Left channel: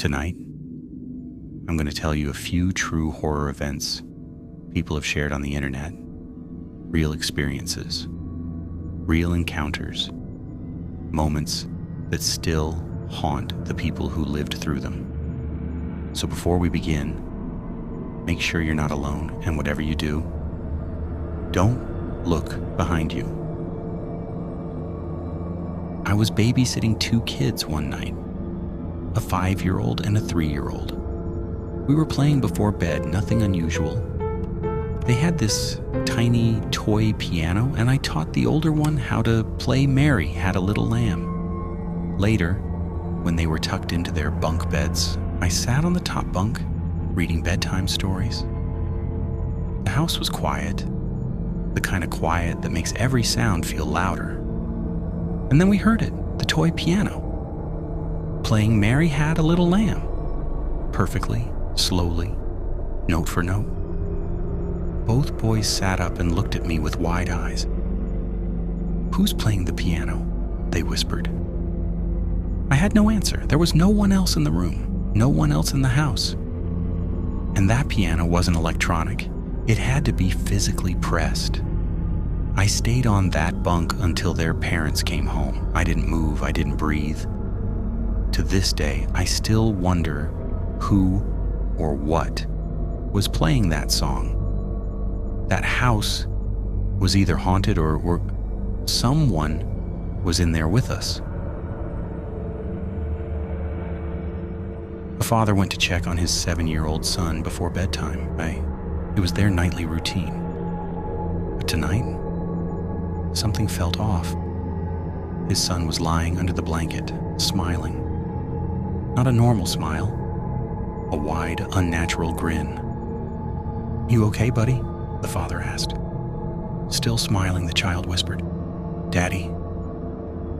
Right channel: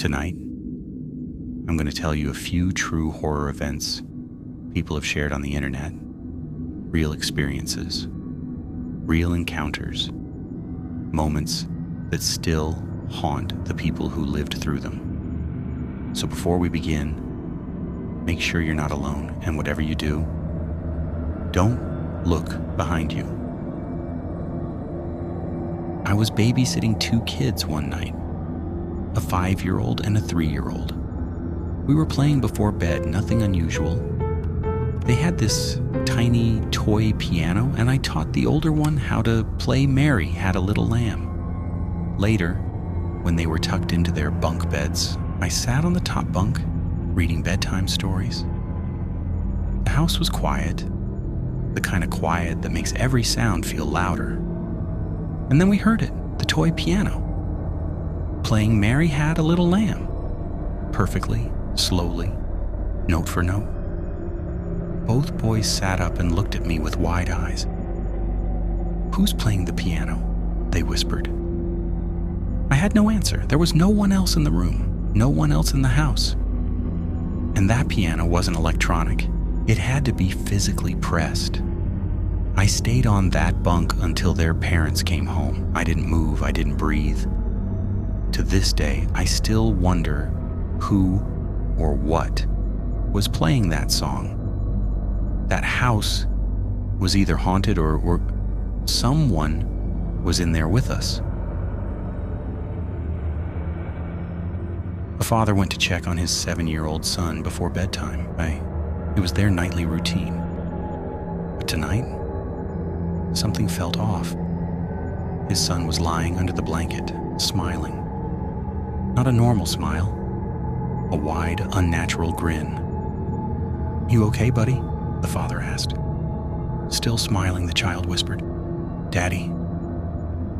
Tonight, I'm going to tell you a few true horror events people have shared on the internet, real experiences, real encounters, moments that still haunt the people who lived through them. So before we begin, make sure you're not alone, and whatever you do, don't look behind you. I was babysitting two kids one night, a 5-year-old and a 3-year-old. We were playing before bed, nothing unusual. They had this tiny toy piano, and I taught the older one how to play Mary Had a Little Lamb. Later, when they were tucked into their bunk beds, I sat on the top bunk, reading bedtime stories. The house was quiet, the kind of quiet that makes every sound feel louder. And then we heard it, the toy piano, playing Mary Had a Little Lamb, perfectly, slowly, note for note. Both boys sat up and looked at me with wide eyes. "Who's playing the piano?" they whispered. I had no answer. There was no one else in the room, no one else in the house. And that piano wasn't electronic. It had to be physically pressed. I stayed on that bunk until their parents came home. I didn't move, I didn't breathe. To this day, I still wonder who or what was playing that song. That house was either haunted or someone was in there with us. A father went to check on his 7-year-old son before bedtime. It was their nightly routine. But tonight, something felt off. His son was lying under the blanket, smiling. Not a normal smile, a wide, unnatural grin. "You okay, buddy?" the father asked. Still smiling, the child whispered, "Daddy,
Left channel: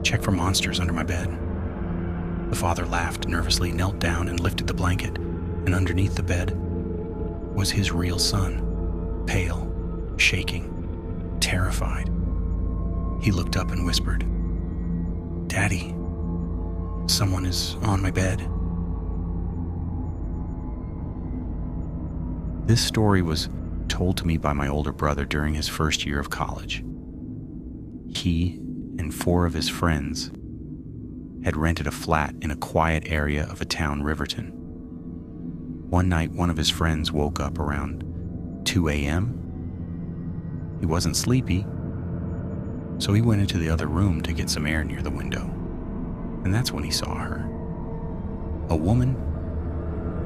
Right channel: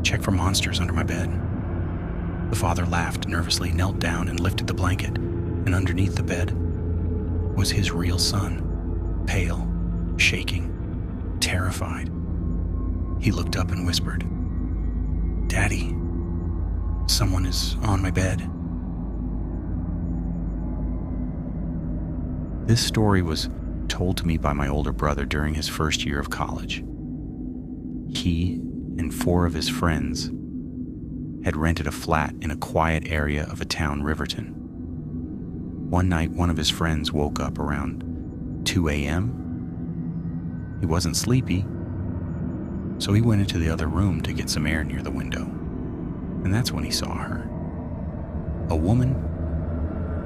check for monsters under my bed." The father laughed nervously, knelt down and lifted the blanket, and underneath the bed was his real son, pale, shaking, terrified. He looked up and whispered, "Daddy, someone is on my bed." This story was told to me by my older brother during his first year of college. He and 4 of his friends had rented a flat in a quiet area of a town, Riverton. One night, one of his friends woke up around 2 a.m. He wasn't sleepy, so he went into the other room to get some air near the window. And that's when he saw her. A woman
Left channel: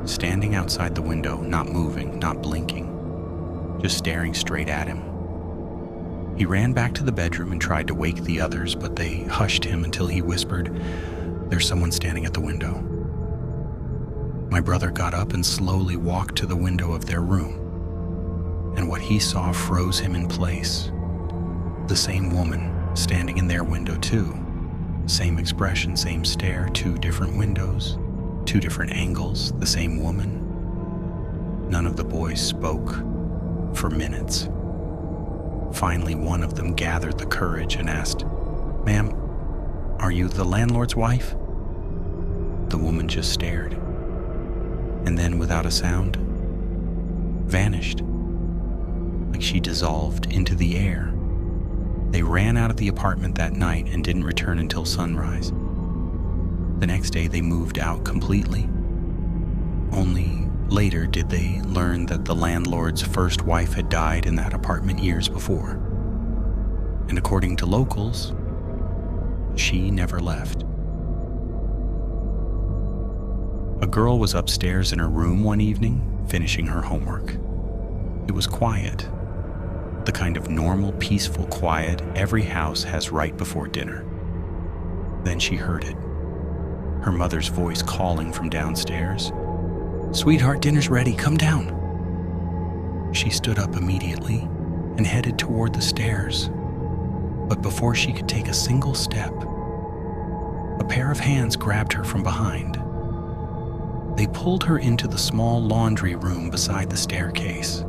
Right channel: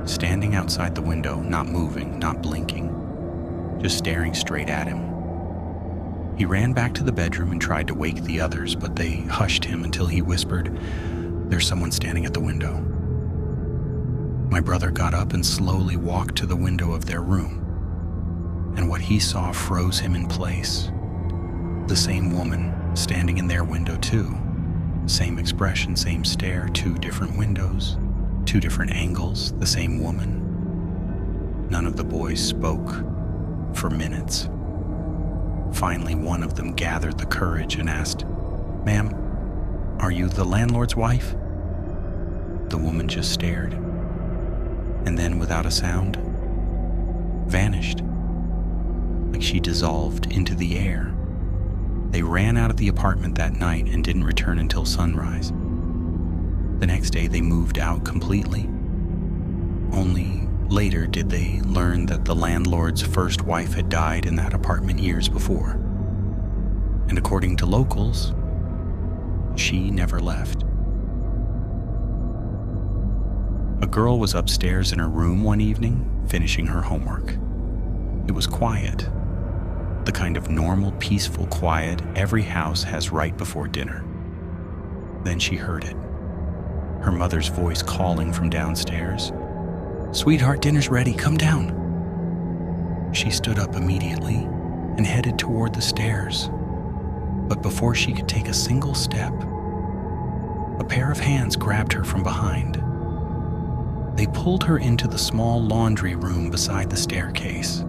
standing outside the window, not moving, not blinking, just staring straight at him. He ran back to the bedroom and tried to wake the others, but they hushed him until he whispered, "There's someone standing at the window." My brother got up and slowly walked to the window of their room, and what he saw froze him in place. The same woman standing in their window too. Same expression, same stare, 2 different windows, 2 different angles, the same woman. None of the boys spoke for minutes. Finally, one of them gathered the courage and asked, "Ma'am, are you the landlord's wife?" The woman just stared, and then without a sound, vanished, like she dissolved into the air. They ran out of the apartment that night and didn't return until sunrise. The next day, they moved out completely. Only later did they learn that the landlord's first wife had died in that apartment years before. And according to locals, she never left. A girl was upstairs in her room one evening, finishing her homework. It was quiet, the kind of normal, peaceful quiet every house has right before dinner. Then she heard it, her mother's voice calling from downstairs, "Sweetheart, dinner's ready, come down." She stood up immediately and headed toward the stairs. But before she could take a single step, a pair of hands grabbed her from behind. They pulled her into the small laundry room beside the staircase.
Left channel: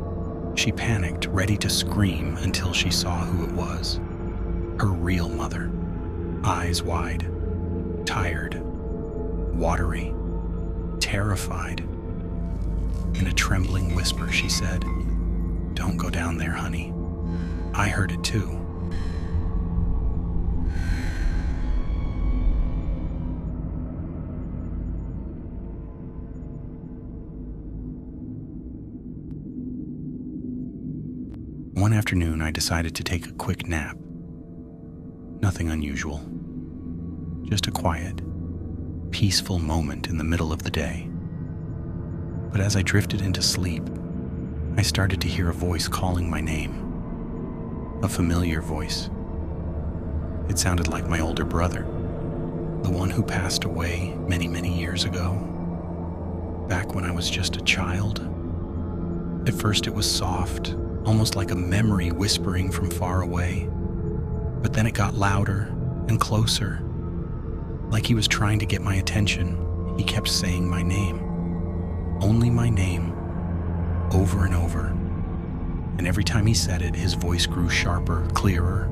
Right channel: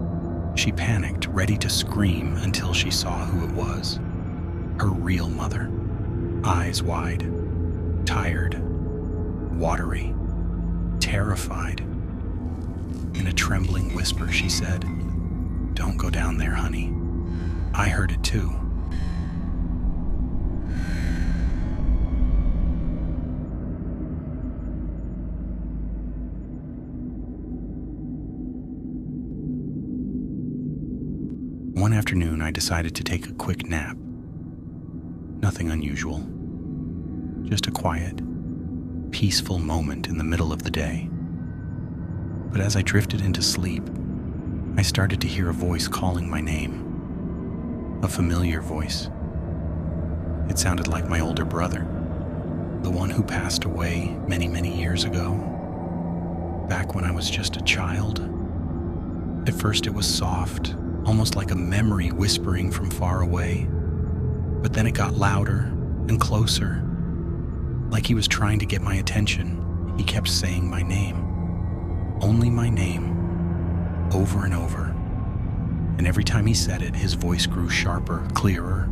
She panicked, ready to scream until she saw who it was. Her real mother, eyes wide, tired, watery, terrified. In a trembling whisper, she said, "Don't go down there, honey. I heard it too." One afternoon, I decided to take a quick nap. Nothing unusual. Just a quiet, peaceful moment in the middle of the day. But as I drifted into sleep, I started to hear a voice calling my name. A familiar voice. It sounded like my older brother, the one who passed away many, many years ago, back when I was just a child. At first it was soft, almost like a memory whispering from far away, but then it got louder and closer. Like he was trying to get my attention, he kept saying my name. Only my name, over and over. And every time he said it, his voice grew sharper, clearer,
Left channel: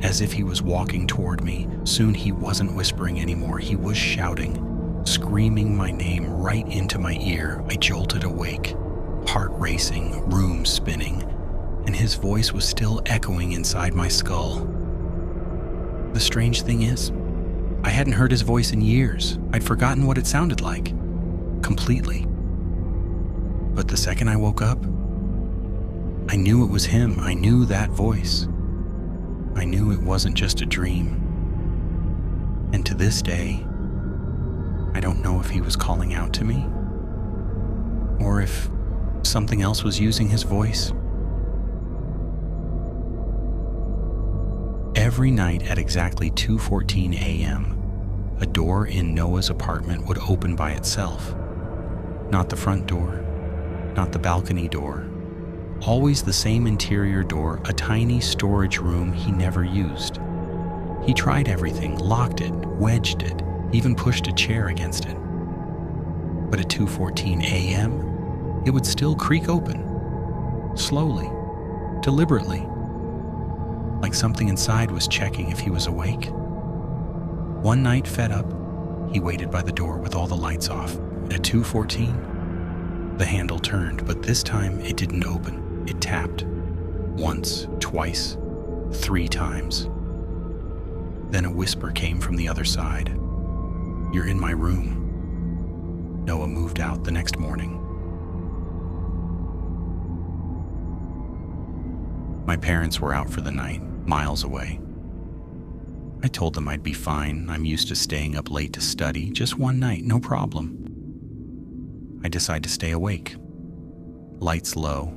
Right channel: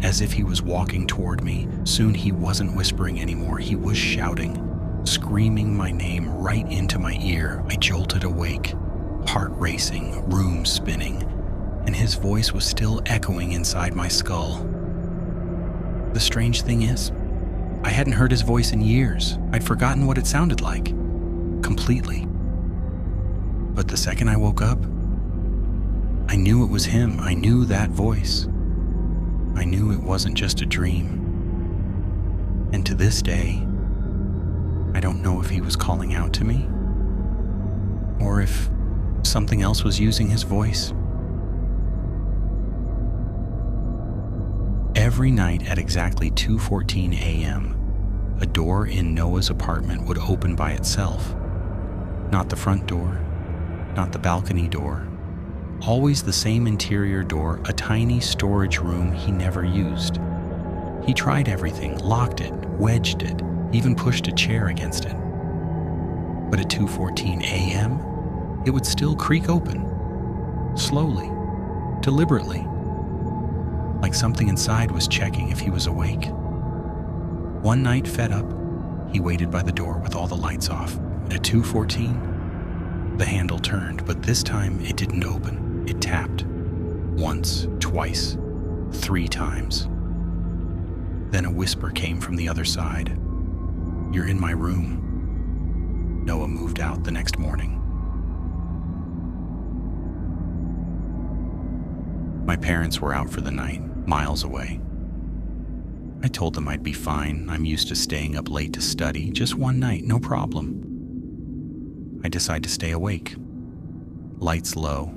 as if he was walking toward me. Soon he wasn't whispering anymore, he was shouting, screaming my name right into my ear. I jolted awake, heart racing, room spinning, and his voice was still echoing inside my skull. The strange thing is, I hadn't heard his voice in years. I'd forgotten what it sounded like, completely. But the second I woke up, I knew it was him. I knew that voice. I knew it wasn't just a dream. And to this day, I don't know if he was calling out to me, or if something else was using his voice. Every night at exactly 2:14 a.m., a door in Noah's apartment would open by itself. Not the front door, not the balcony door. Always the same interior door, a tiny storage room he never used. He tried everything, locked it, wedged it, even pushed a chair against it. But at 2:14 a.m., it would still creak open, slowly, deliberately, like something inside was checking if he was awake. One night, fed up, he waited by the door with all the lights off. At 2:14, the handle turned, but this time it didn't open. It tapped. Once, twice, 3 times. Then a whisper came from the other side. "You're in my room." Noah moved out the next morning. My parents were out for the night, miles away. I told them I'd be fine. I'm used to staying up late to study. Just one night, no problem. I decide to stay awake. Lights low.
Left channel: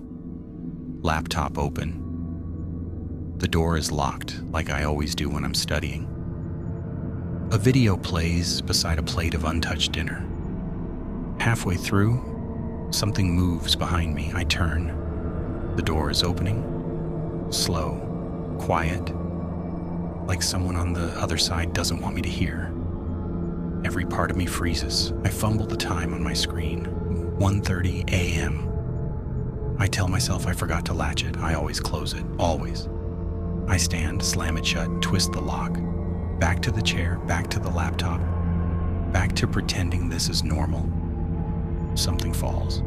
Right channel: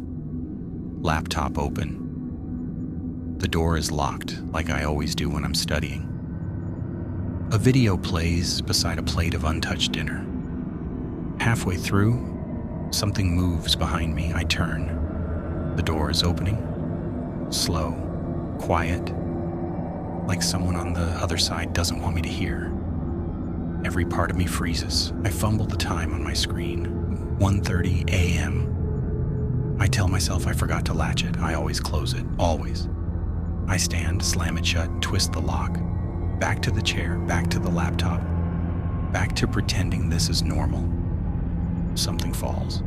Laptop open. The door is locked, like I always do when I'm studying. A video plays beside a plate of untouched dinner. Halfway through, something moves behind me. I turn. The door is opening. Slow, quiet, like someone on the other side doesn't want me to hear. Every part of me freezes. I fumble the time on my screen. 1:30 a.m. I tell myself I forgot to latch it. I always close it, always. I stand, slam it shut, twist the lock. Back to the chair, back to the laptop, back to pretending this is normal. Something falls.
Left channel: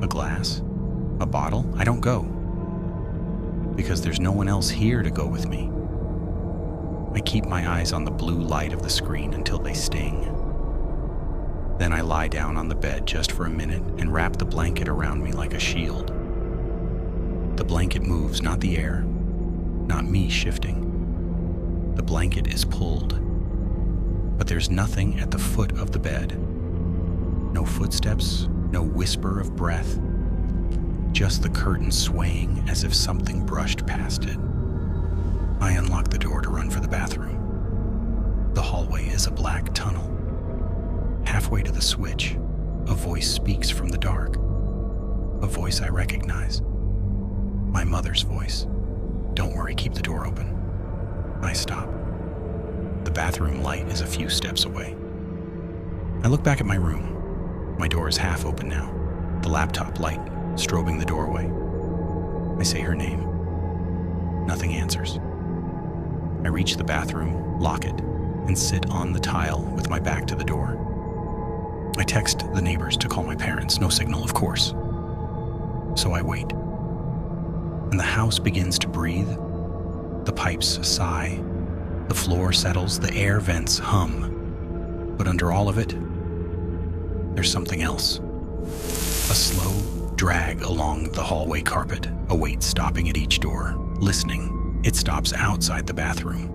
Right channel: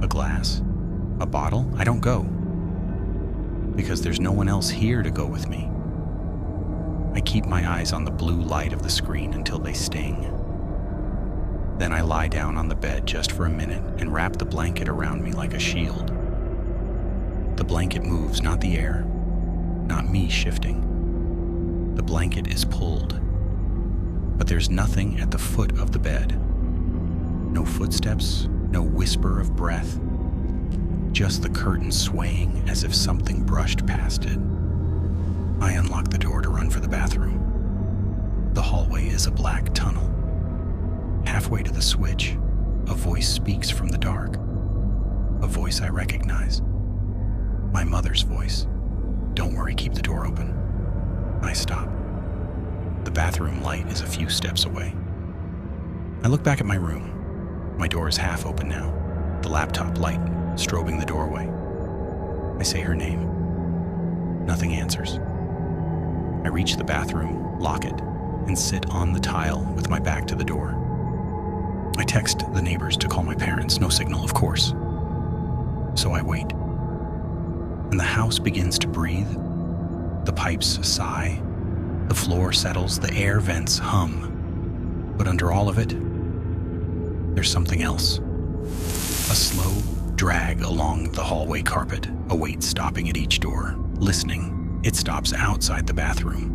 A glass? A bottle? I don't go. Because there's no one else here to go with me. I keep my eyes on the blue light of the screen until they sting. Then I lie down on the bed just for a minute and wrap the blanket around me like a shield. The blanket moves, not the air, not me shifting. The blanket is pulled. But there's nothing at the foot of the bed. No footsteps, no whisper of breath. Just the curtain swaying as if something brushed past it. I unlock the door to run for the bathroom. The hallway is a black tunnel. Halfway to the switch, a voice speaks from the dark. A voice I recognize. My mother's voice. "Don't worry, keep the door open." I stop. The bathroom light is a few steps away. I look back at my room. My door is half open now. The laptop light strobing the doorway. I say her name. Nothing answers. I reach the bathroom, lock it, and sit on the tile with my back to the door. I text the neighbors to call my parents. No signal, of course. So I wait. And the house begins to breathe. The pipes sigh. The floor settles. The air vents hum. But under all of it, there's something else. A slow drag along the hallway carpet, a weight stopping at each door, listening. It stops outside the bathroom.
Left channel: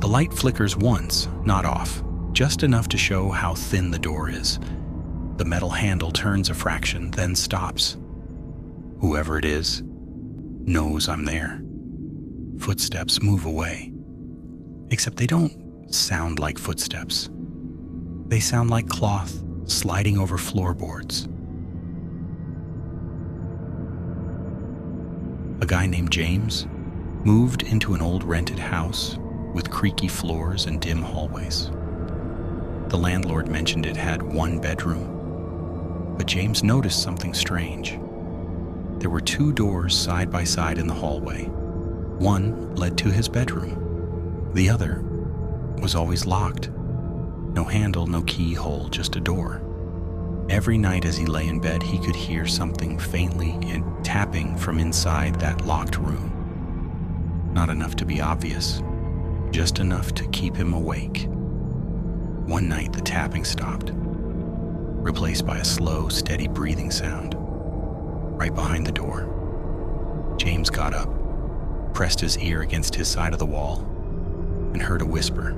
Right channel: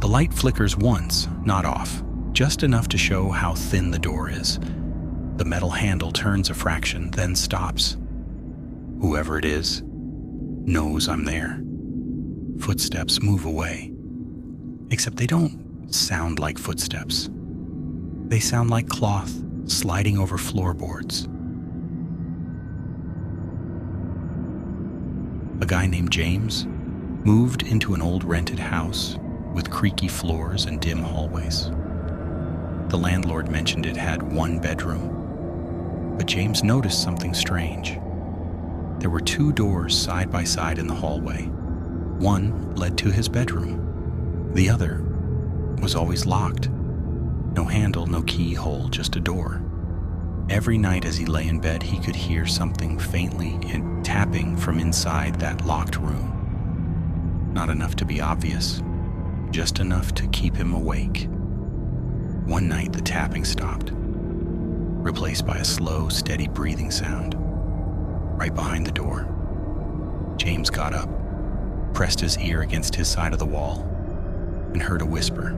The light flickers once, not off, just enough to show how thin the door is. The metal handle turns a fraction, then stops. Whoever it is knows I'm there. Footsteps move away. Except they don't sound like footsteps. They sound like cloth sliding over floorboards. A guy named James moved into an old rented house with creaky floors and dim hallways. The landlord mentioned it had one bedroom, but James noticed something strange. There were two doors side by side in the hallway. One led to his bedroom. The other was always locked. No handle, no keyhole, just a door. Every night as he lay in bed, he could hear something faintly tapping from inside that locked room. Not enough to be obvious, just enough to keep him awake. One night, the tapping stopped, replaced by a slow, steady breathing sound. Right behind the door, James got up, pressed his ear against his side of the wall, and heard a whisper.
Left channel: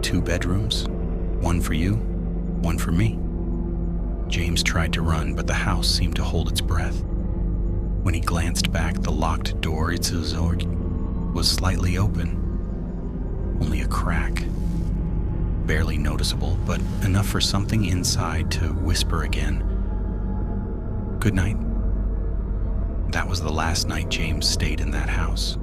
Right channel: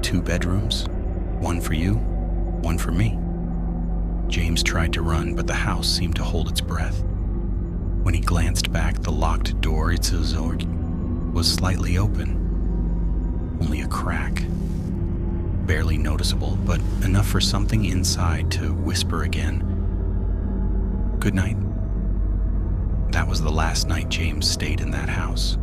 2 bedrooms, one for you, one for me. James tried to run, but the house seemed to hold its breath. When he glanced back, the locked door was slightly open. Only a crack. Barely noticeable, but enough for something inside to whisper again. Good night. That was the last night James stayed in that house.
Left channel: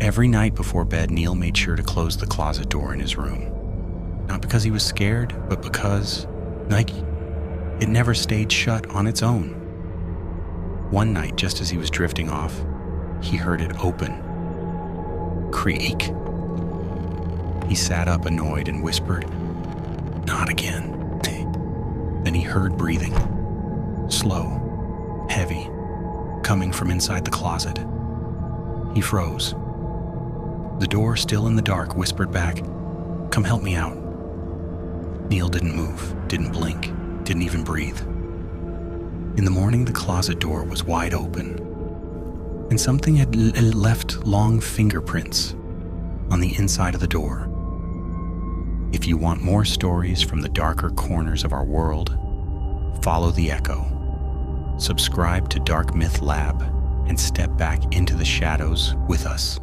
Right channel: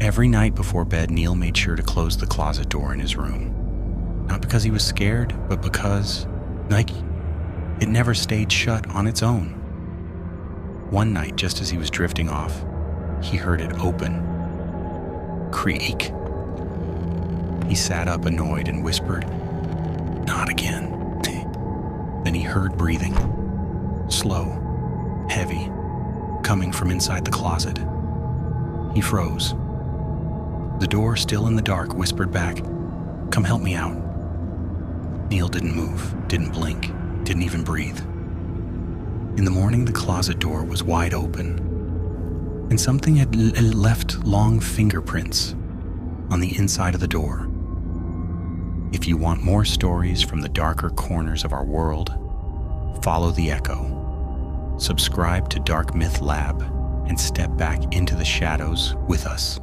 Every night before bed, Neil made sure to close the closet door in his room. Not because he was scared, but because, it never stayed shut on its own. One night, just as he was drifting off, he heard it open. Creak. He sat up annoyed and whispered, "Not again." Then he heard breathing. Slow, heavy, coming from inside the closet. He froze. The door, still in the dark, whispered back, "Come help me out." Neil didn't move, didn't blink, didn't even breathe. In the morning, the closet door was wide open, and something had left long fingerprints on the inside of the door. If you want more stories from the darker corners of our world, follow the echo. Subscribe to Dark Myth Lab and step back into the shadows with us.